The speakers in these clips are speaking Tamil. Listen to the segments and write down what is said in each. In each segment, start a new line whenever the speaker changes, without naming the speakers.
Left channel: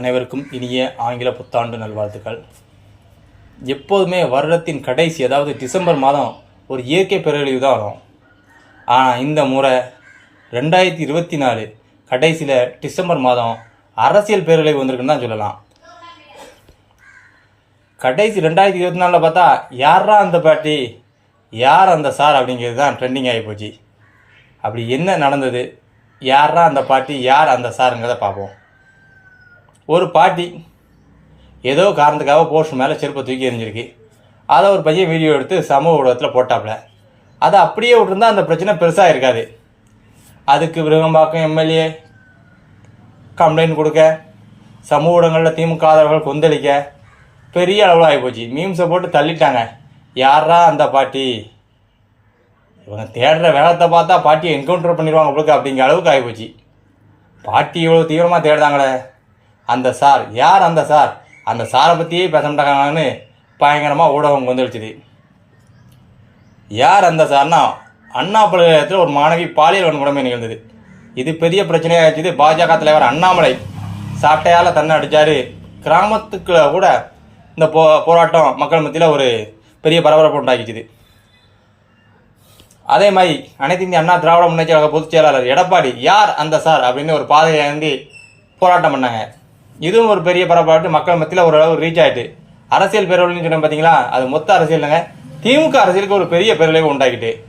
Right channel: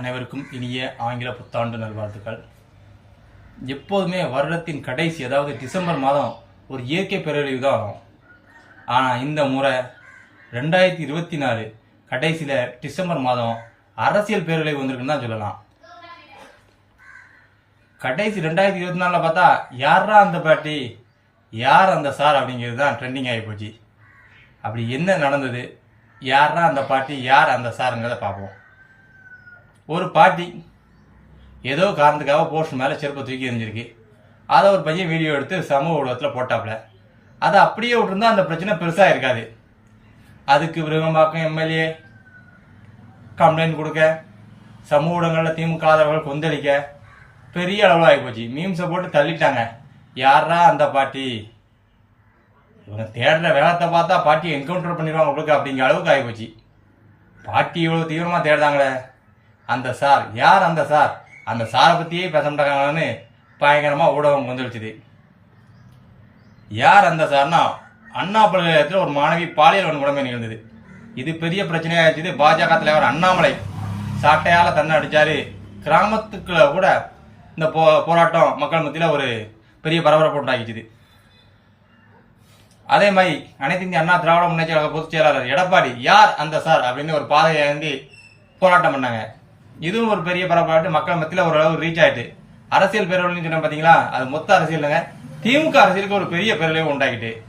அனைவருக்கும் இனிய ஆங்கில புத்தாண்டு நல்வாழ்த்துக்கள். எப்போதுமே வருடத்தின் கடைசி அதாவது டிசம்பர் மாதம் ஒரு இயற்கை பேரழிவு தான் வரும் ஆனால் இந்த முறை ரெண்டாயிரத்தி இருபத்தி நாலு கடைசியில் டிசம்பர் மாதம் அரசியல் பேரழிவு வந்திருக்குன்னு தான் சொல்லலாம். கடைசி ரெண்டாயிரத்தி இருபத்தி நாலில் பார்த்தா யாரா அந்த பாட்டி யார் அந்த சார் அப்படிங்கிறது தான் ட்ரெண்டிங் ஆகி போச்சு. அப்படி என்ன நடந்தது? யாரா அந்த பாட்டி யார் அந்த சாருங்கிறத பார்ப்போம். ஒரு பாட்டி ஏதோ காரணத்துக்காக போஸ்ட் மேலே செருப்பை தூக்கி எறிஞ்சிருக்கு. அதை ஒரு பையன் வீடியோ எடுத்து சமூக ஊடகத்தில் போட்டாப்புல அதை அப்படியே விட்டுருந்தா அந்த பிரச்சனை பெருசாக இருக்காது. அதுக்கு விருகம்பாக்கம் எம்எல்ஏ கம்ப்ளைண்ட் கொடுக்க சமூக ஊடகங்களில் திமுக ஆதரவுகள் கொந்தளிக்க பெரிய அளவில் ஆகிப்போச்சு மீம்ஸை போட்டு தள்ளிட்டாங்க. யாரா அந்த பாட்டி? இவங்க தேடுற வேகத்தை பார்த்தா பாட்டியை என்கவுண்டர் பண்ணிடுவாங்க உங்களுக்கு அப்படிங்கிற அளவுக்கு ஆகிப்போச்சு பாட்டி இவ்வளோ தீவிரமாக தேடுறாங்களே. அந்த சார். யார் அந்த சார்? அந்த சாரை பற்றியே பேச மாட்டாங்கன்னு பயங்கரமாக ஊடகம் கொந்தளிச்சுது. யார் அந்த சார்னா? அண்ணா பல்கலைக்கழகத்தில் ஒரு மாணவி பாலியல் வன்கொடுமை நிகழ்ந்தது. இது பெரிய பிரச்சனையாக பிரச்சனையாச்சுது பாஜக தலைவர் அண்ணாமலை சாட்டையால் தன்னை அடித்தார் கிராமத்துக்குள்ள கூட இந்த போ போராட்டம் மக்கள் மத்தியில் ஒரு பெரிய பரபரப்பு உண்டாக்கிச்சுது அதே மாதிரி அனைத்து இந்திய அண்ணா திராவிட முன்னேற்ற கழக பொதுச் செயலாளர் எடப்பாடி யார் அந்த சார் அப்படின்னு ஒரு பாதையை ஏந்தி போராட்டம் பண்ணாங்க. இதுவும் ஒரு பெரிய பரபரப்பு. மக்கள் மத்தியில் ஓரளவு ரீச் ஆயிட்டு. அரசியல் பேரழிவுன்னு சொன்னோம் பார்த்தீங்களா அது மொத்த அரசியலுங்க திமுக அரசியலுக்கு ஒரு பெரிய பேரழிவு உண்டாக்கிட்டு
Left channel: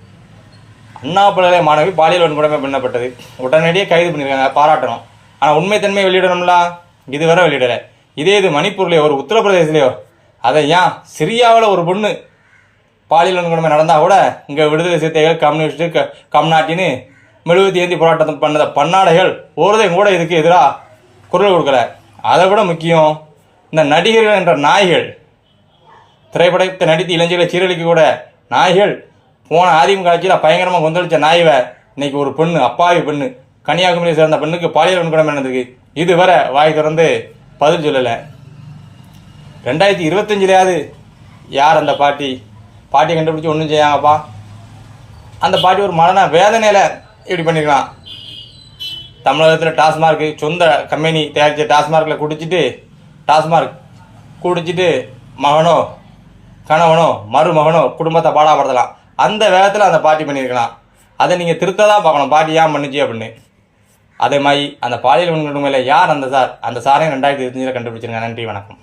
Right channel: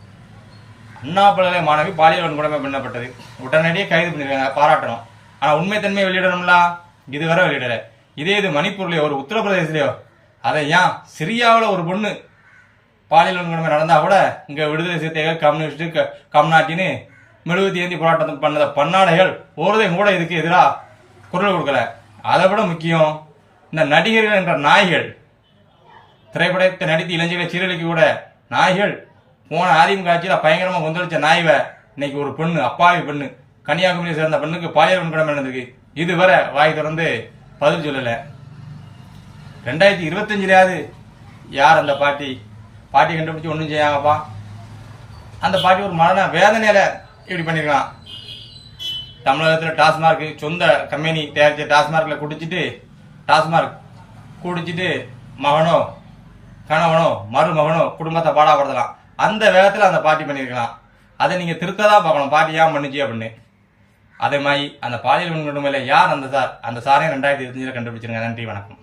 அண்ணா பல்கலை மாணவி பாலியல் வன்கொடுமை பண்ணப்பட்டது. உடனடியே கைது பண்ணியிருக்காங்க பாராட்டணும். ஆனால் உண்மைத்தன்மையை வெளியிடணும்ல? இதுவரை வெளியிடலை. இதே இது மணிப்பூர்லையோ ஒரு உத்தரப்பிரதேசலையோ அதை ஏன் சிரியாவில் ஒரு பொண்ணு பாலியல் வன்கொடுமை நடந்தால் கூட இங்கே விடுதலை சிறுத்தைகள் கம்யூனிஸ்ட் க- கம்நாட்டின்னு மெழுகுத்தி ஏந்தி போராட்டம் பண்ணத பன்னாடைகள் ஒருதையும் கூட இதுக்கு எதிராக குரல் கொடுக்கல. அதை விட முக்கியம் இந்த நடிகர்கள் என்ற நாய்கள். திரைப்படத்தை நடித்து இளைஞர்களை சீரழிக்க கூட நாய்கள். போன அதிமுக ஆட்சியில் பயங்கரமாக கொந்தளித்த நாய்வை இன்னைக்கு ஒரு பெண்ணு அப்பாவி பெண்ணு. கன்னியாகுமரியை சேர்ந்த பெண்ணுக்கு பாலியல் வன்கொடுமை நடந்திருக்கு. இதுவரை வாய் திறந்து பதில் சொல்லலை. ரெண்டாயிரத்தி இருபத்தஞ்சிலையாவது யார் அந்த பாட்டி? பாட்டியை கண்டுபிடிச்சி ஒன்றும் செய்யாங்கப்பா அந்த பாட்டி ஒரு மரண வேதனையில் இப்படி பண்ணியிருக்கான் தமிழகத்தில் டாஸ்மார்க் சொந்த கம்பெனி தயாரித்த டாஸ்மார்க்கில் குடிச்சிட்டு டாஸ்மார்க் குடிச்சிட்டு மகனோ கணவனோ மருமகனோ குடும்பத்தை பாடாப்படுத்தலாம் அந்த வேகத்தில் அந்த பாட்டி பண்ணியிருக்கலாம். அதை நீங்கள் திருத்த தான் பார்க்கணும். பாட்டி ஏன் பண்ணுச்சு அப்படின்னு. அதே மாதிரி அந்த பாலியல் வன்கொடுமையில் யார் அந்த சார்? அந்த சாரையும் ரெண்டாயிரத்தி இருபத்தஞ்சில் கண்டுபிடிச்சிருங்க. நன்றி வணக்கம்.